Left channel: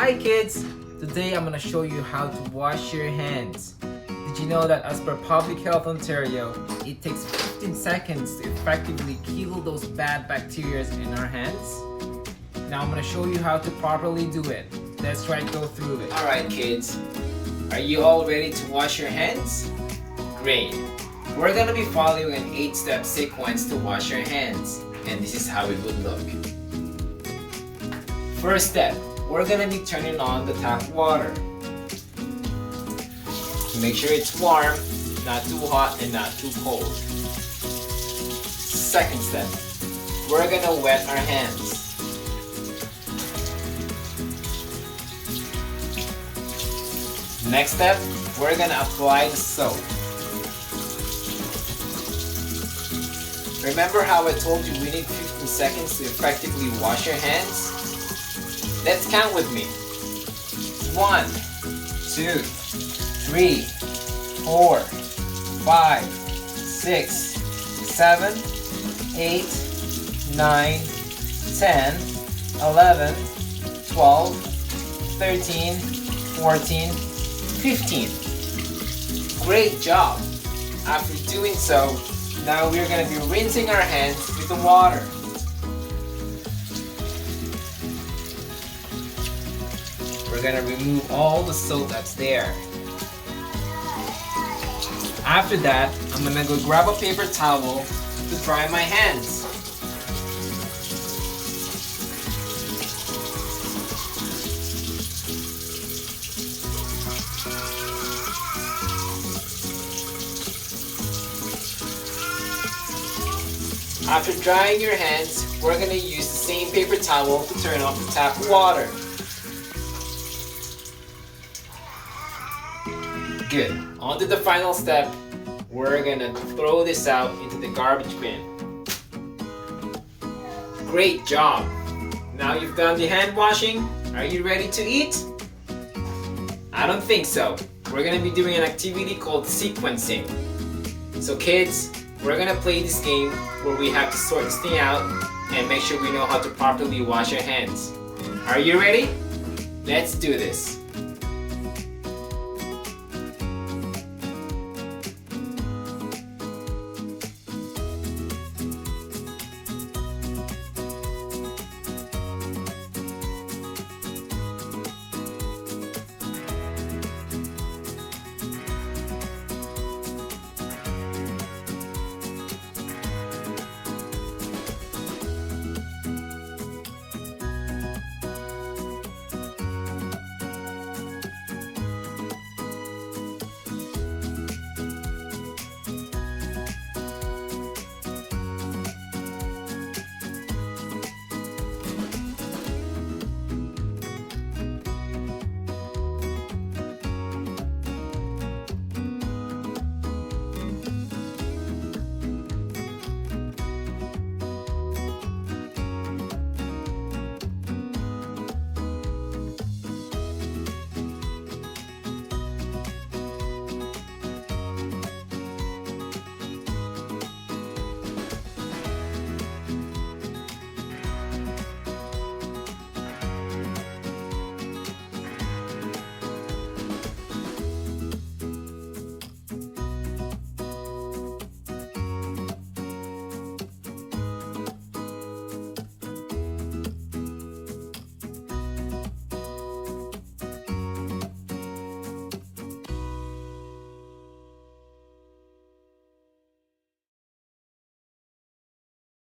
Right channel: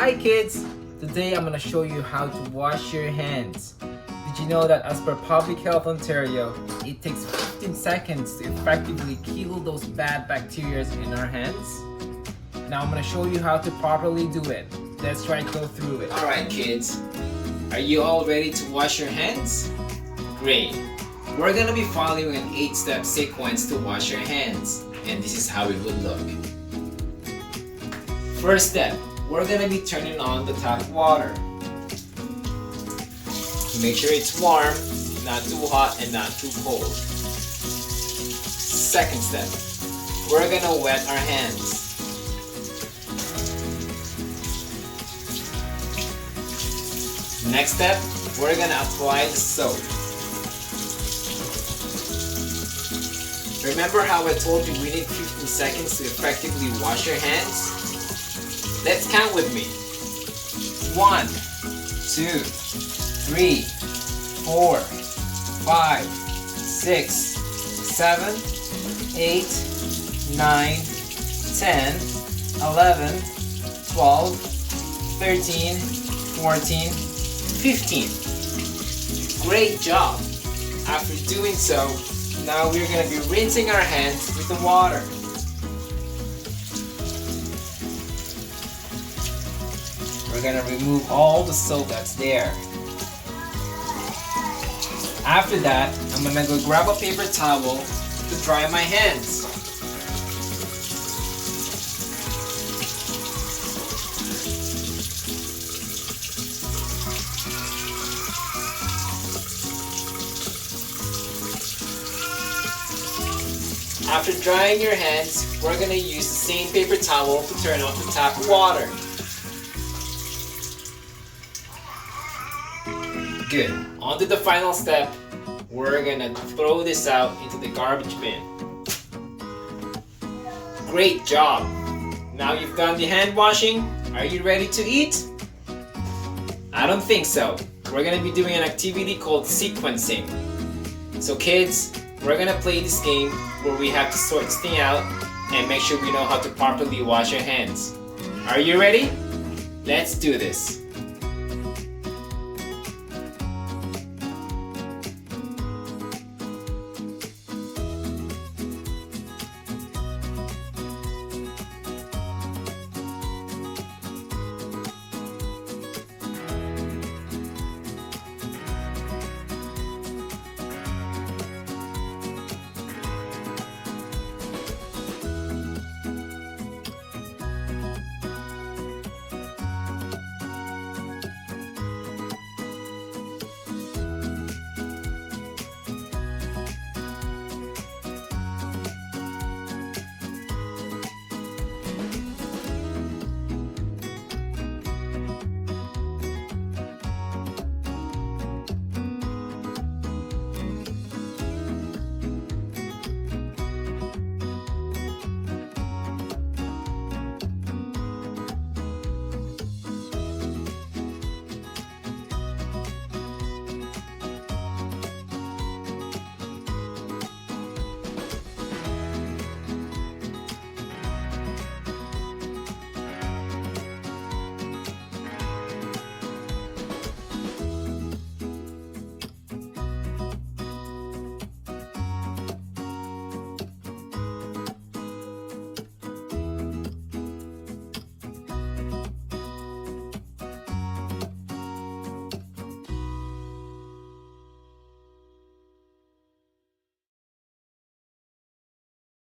Hi kids! Today I'm gonna show you how to wash your hands. Did you know that as per Public Health Ontario, it takes 15 seconds to effectively kill those bad bacteria in our hands? Now I'm gonna show you how to properly do it. Let's try to go through it. Alright kids, are you all ready to wash your hands? Great! We're gonna be following an 8-step sequence to wash your hands, and this is how it would look. First step, we're gonna be turning on the tap water. Make sure it's warm, not too hot and not too cold. Second step, we're gonna wet our hands. Next step, we're gonna apply the soap. Remember how I told you we need 15 seconds to effectively wash your hands? Let's count with me. 1, 2, 3, 4, 5, 6, 7, 8, 9, 10, 11, 12, 13, 14, 15. Great job! After doing so, now we're going to be rinsing our hands with the water. We're going to remove all the soap that's there. After that, I'm going to go grab a paper towel to dry my hands. After drying your hands, we're going to use the same paper towel to turn off the tap water. Good. On to the final step. We're going to throw this out into the garbage bin. Great job! Now you've done the hand washing, are you ready to eat? I don't think so. We're going to be doing an activity called sequencing. So kids, we're going to play this game where we have to sort this thing out and make sure we know how to properly wash our hands. Are you ready? Let's do this.